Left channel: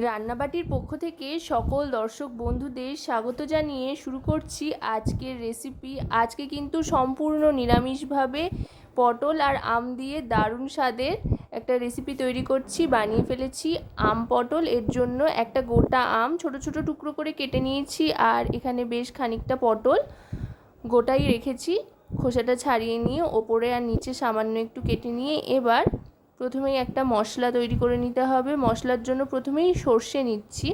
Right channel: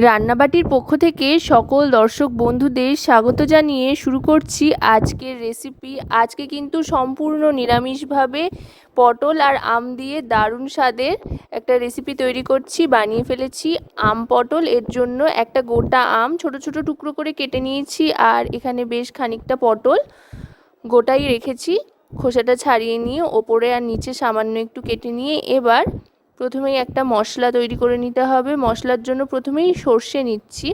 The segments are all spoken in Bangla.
রান্নাবাটির পক্ষ থেকে সকল দর্শক বন্ধুদের স্বাগত জানিয়ে শুরু করছি আজকের রেসিপি আজকে কিন্তু সম্পূর্ণ নিরামিষভাবে পটল আর আম দিয়ে দারুণ স্বাদের একটা রেসিপি তৈরি করছি, বানিয়ে ফেলেছি। আম পটল, এর জন্য একটা গোটা আম, ছোট ছোট টুকরো করে কেটে নিয়েছি আর এখানে বেশ খানিকটা পটল গোটাই রেখেছি। খোসাটা ছাড়িয়ে নিয়ে ওপরে আর নিচে সামান্য একটু কেটে নিয়ে এবার প্রথমেই একটা মশলা তৈরি করে নিতে হবে। মশলার জন্য প্রথমেই সর্ষে নিচ্ছি।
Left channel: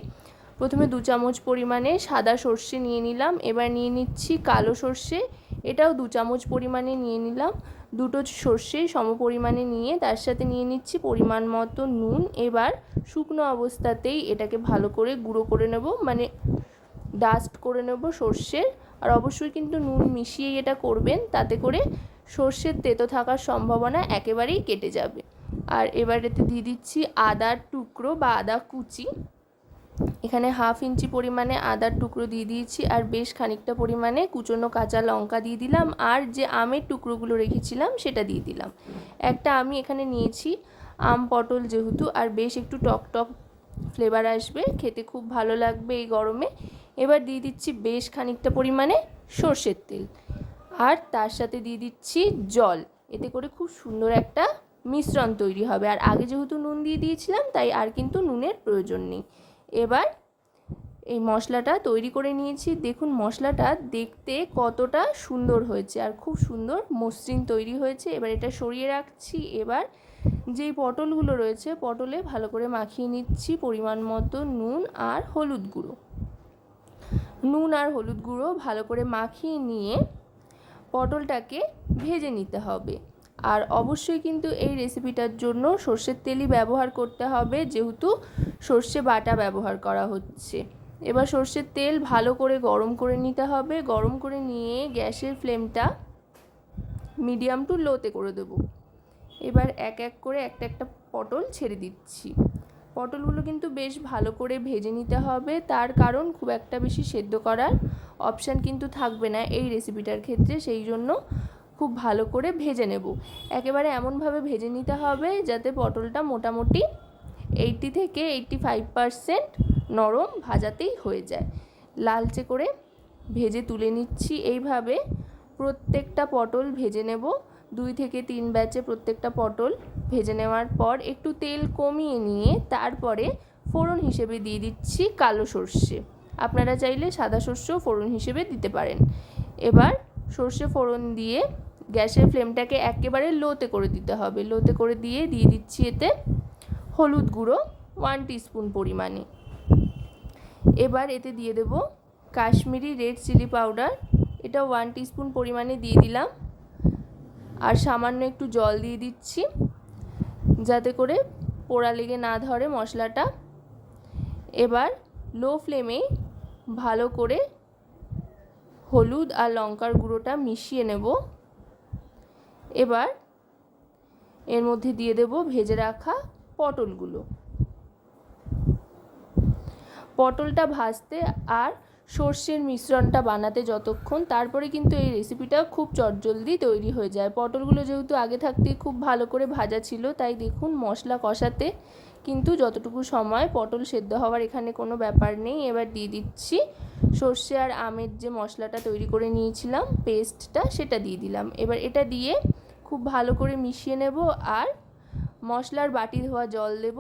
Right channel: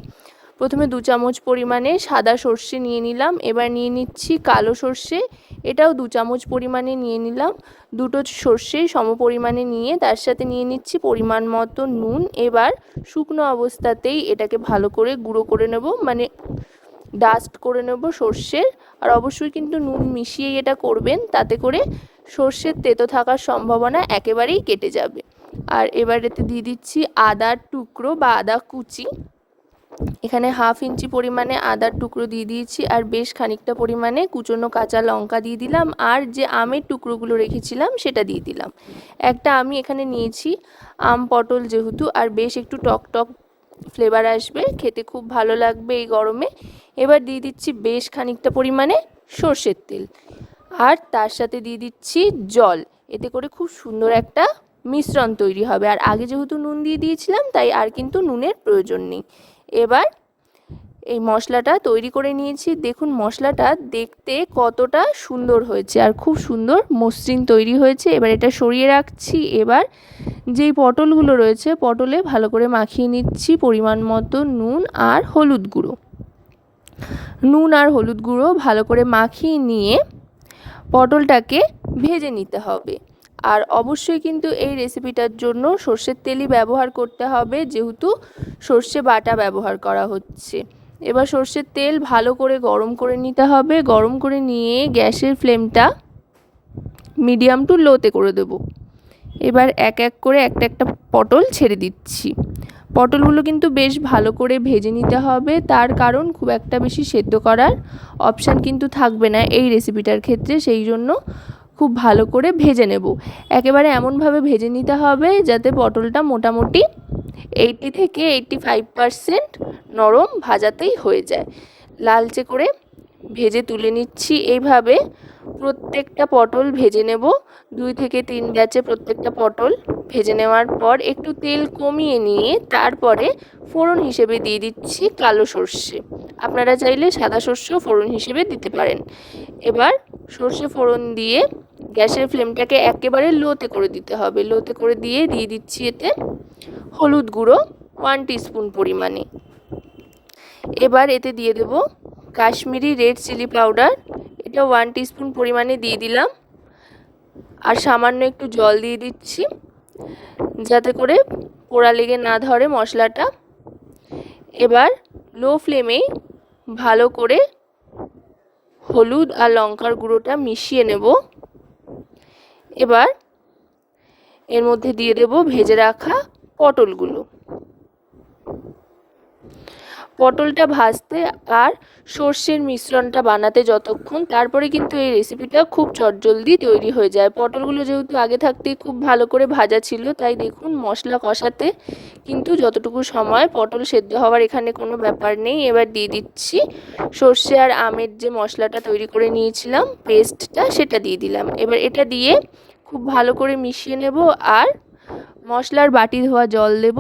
প্রথমে দু চামচ পরিমাণে সাদা সর্ষে নিয়ে নিলাম। এবার নিয়ে নিচ্ছি কালো সর্ষে। এটাও দু চামচ পরিমাণে নিয়ে নিলাম। দুটো সর্ষে সম পরিমাণে নিয়ে তার সাথে নিয়ে নিচ্ছি পরিমাণ মতো নুন। এবার শুকনো অবস্থাতেই এটাকে ভালো করে গুঁড়ো করে নেব মানে ডাস্ট করে নেব সর্ষের। আর অবশ্যই কিন্তু নুন মিশিয়েই এটা করবেন, তাতে করে সর্ষের তেতো থাকার সম্ভাবনা একেবারেই কেটে যাবে। আর এবার এতে দিয়ে দিচ্ছি আদার টুকরো বা আদা কুচি। এখানে হাফ ইঞ্চি পরিমাণে আদার টুকরো দিয়ে দিয়েছি আর বেশ খানিকটা পরিমাণে কুচনো কাঁচা লঙ্কা দিয়ে দিলাম আর যে আমের টুকরোগুলো রেখেছিলাম সেটা দিয়ে দিলাম। একটা আমি এখানে নিয়েছি আম পটল যেহেতু আর বেশ একটু টক টক ফ্লেভার আসবে, খেতে খুব ভালো লাগবে এই গরমে। এবার দিয়ে দিচ্ছি বেশ খানিকটা পরিমাণে সর্ষের তেল। আর তার সাথে দিয়ে দিচ্ছি জল, এতে করে খুব সুন্দর একটা মিশ্রণ তৈরি হবে। আর আগে যেহেতু নুন দিয়ে দিয়েছিলাম, তাই আর কিন্তু নুনের প্রয়োজন নেই। এবার এই মশলাটা তৈরি করে নিয়েছি। দেখুন, মশলাটা দেখতে কতটা সুন্দর হয়েছে আর খুব সুন্দর মসৃণ তৈরি হয়েছে। এবার এটা সরিয়ে রাখছি। এবার যেই পটলগুলো রয়েছে, পটলে ভালো করে মাখিয়ে নিচ্ছি পরিমাণ মতো নুন আর হলুদ গুঁড়ো। নুন আর হলুদ গুঁড়ো ভালো করে মাখিয়ে নিয়ে পটলটাকে ভেজে নিতে হবে। আর অবশ্যই কিন্তু এই রেসিপিটার জন্য সর্ষের তেলই ব্যবহার করতে হবে, যেহেতু সর্ষে বাটা ব্যবহার করা হচ্ছে। এবার সর্ষের তেল ভালো করে গরম করে নিতে হবে। গরম করে নিয়ে গ্যাসের ফ্লেমটা মিডিয়াম টু লোতে করে দেব। এবার এক এক করে একটা একটা পটল ছেড়ে দিচ্ছি। পটলগুলো কিন্তু বেশ ভালো করে ভেজে নিতে হবে। তার কারণ খুব একটা বেশি সেদ্ধ করার অপশান কিন্তু থাকবে না এই রেসিপিটার ক্ষেত্রে, সেই জন্য খুব ভালো করে ভেজে নেব। একেবারে এমনভাবে ভেজে নিতে হবে যাতে পটলটা মোটামুটি এইটটি থেকে এইটটি ফাইভ পারসেন্ট নরম ভাজাতেই হয়ে যায়। লালচে করে ভেজে তুলে নিচ্ছি এইভাবে। প্রত্যেকটা পটল ভেজে নেব। দুই থেকে তিন ব্যাচে প্রত্যেকটা পটল ভেজে নেওয়ার পর একটু তেল কমিয়ে নিয়ে তারপরে ফোড়ন হিসেবে দিয়ে দিচ্ছি কালো সর্ষে। আপনারা চাইলে সাদা সর্ষেও ফোড়ন হিসেবে দিতে পারেন। এবার সর্ষে ফোড়ন দিয়ে গ্যাসের ফ্লেমটাকে একেবারে লোতে করে দিতে হবে। লোতে করে দিয়ে দিয়ে দিচ্ছি এতে হলুদ গুঁড়ো ওয়ান টিস্পুন পরিমাণে। এবার এতে দিয়ে দেব কাশ্মীরি রেড চিলি পাউডার এটা ওয়ান টিস্পুন পরিমাণে দিয়ে দিলাম। আর সামান্য একটু জল দিয়ে দিচ্ছি যাতে করে পোড়া লেগে না ধরে মশলাটা। এবার লো ফ্লেমেই ভালো করে হলুদ আর লঙ্কার গুঁড়োটা মিশিয়ে নেব। এবার এর মধ্যে দিয়ে দেব ভেজে রাখা পটলগুলো। পটলটা ভাজতে আর সর্ষের মিশ্রণটা বানাতে যতক্ষণ, তারপরে কিন্তু এই রেসিপিটা খুব চটজলদি তৈরি হয়ে যায়। পটলগুলো যেহেতু আগে থাকতেই খুব ভালো করে ভাজা ছিল, তাই দেখুন মশলা কষাতে কিন্তু যতটুকু সময় পটল সেদ্ধ হওয়ার এখানে কোনো ব্যাপার নেই। এবার দিয়ে দিচ্ছি সর্ষে আর আমের যে মশলাটা তৈরি করে নিয়েছিলাম, পেস্টটা সেটা দিয়ে দিলাম। এবার এটা দিয়ে খুব ভালো করে মিশিয়ে নেব আর মশলার বাটি ধোয়া জল দেব।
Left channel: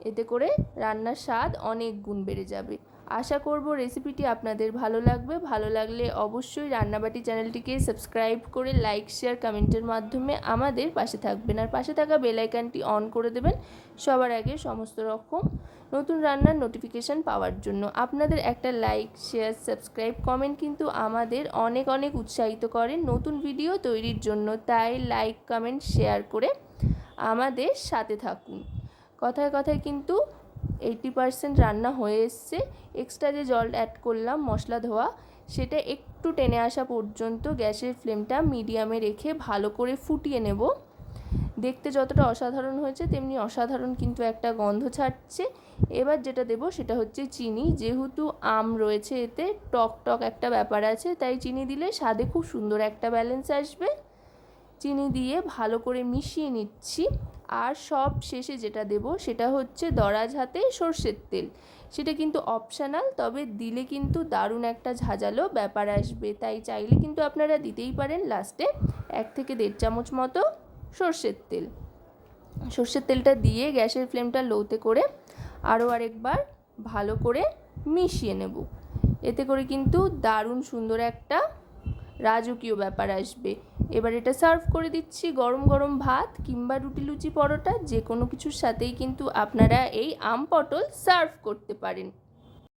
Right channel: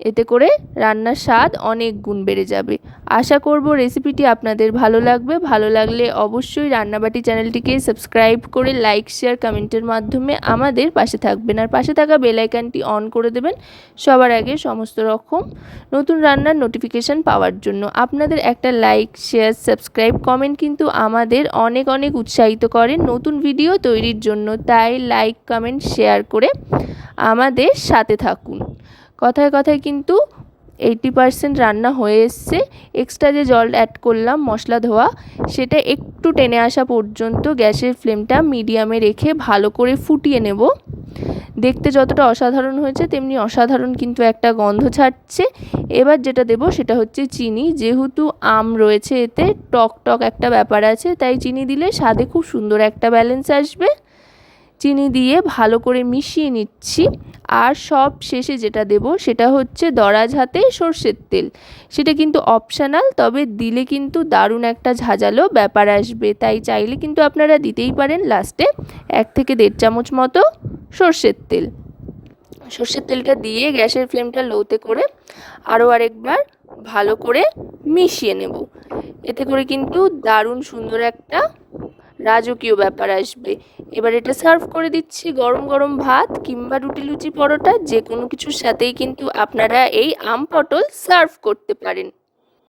এতে করে রান্নার স্বাদ অনেক গুণ বেড়ে যাবে। আশা করব রেসিপিটি আপনাদের ভালো লাগবে। ভালো লাগলে অবশ্যই রান্নাবাটি চ্যানেলটিকে সাবস্ক্রাইব করে লাইক শেয়ার কমেন্টের মাধ্যমে আমাদের পাশে থাকবেন। আর পাশে থাকা বেলাইকানটি অন করে দেবেন সবার আগে সমস্ত রকম নতুন রান্নার নোটিফিকেশান পাওয়ার জন্য। আপনাদের একটা লাইক শেয়ার সাবস্ক্রাইব কমেন্ট কিন্তু আমাদের অনেক অনেক উৎসাহিত করে নতুন ভিডিও তৈরির জন্য। তাই লাইক কমেন্ট শেয়ার করে আমাদের সাথে থাকুন। কথায় কথায় কিন্তু এইটি পারসেন্ট রান্না হয়ে এসছে। এক্সট্রা যে জল অ্যাড করলাম, মশলা ধোয়া, সেটা একটু টেনে আসা পর্যন্ত গ্যাসের ফ্লেমটা মিডিয়ামে রেখে ভালো করে ফুটিয়ে নেব। দেখতে যতটা অসাধারণ হয়েছে, তেমনি অসাধারণ কিন্তু একটা গন্ধ ছাড়ছে। এবার যেটা দেব, সেটা হচ্ছে চিনি। যেহেতু আম রয়েছে এতে, টক টক একটা ব্যাপার আছে, তাই চিনি দিলে স্বাদে খুব সুন্দর একটা ব্যালেন্স আসবে। চিনি দিয়ে ভালো করে মিশিয়ে নিচ্ছি। আর সব শেষে যেটা দেব সেটা হচ্ছে দরাজ হাতে সর্ষের তেল। সেটা কিন্তু অপশানাল তবে দিলে কিন্তু দারুণ একটা ঝাঁঝালো ব্যাপার আসবে। তাই চাইলে কিন্তু আপনারা দিতেই পারেন লাস্টে এক থেকে দেড় চামচ মতো সর্ষের তেল। সর্ষের তেলটা দিয়ে গ্যাসের ফ্লেমটা লোতে করে আরও আরেকবার ভালো করে মিশিয়ে নেব। এতে করে কিন্তু দারুণ সুন্দর একটা রাজকীয় ব্যাপার আসবে। এবার এটা সার্ভ করে দিচ্ছি গরম গরম ভাত কিংবা রুটি লুচি পরোটা যে কোনো কিছুর সাথেই কিন্তু আপনারা এই আম পটল সার্ভ করতে পারেন।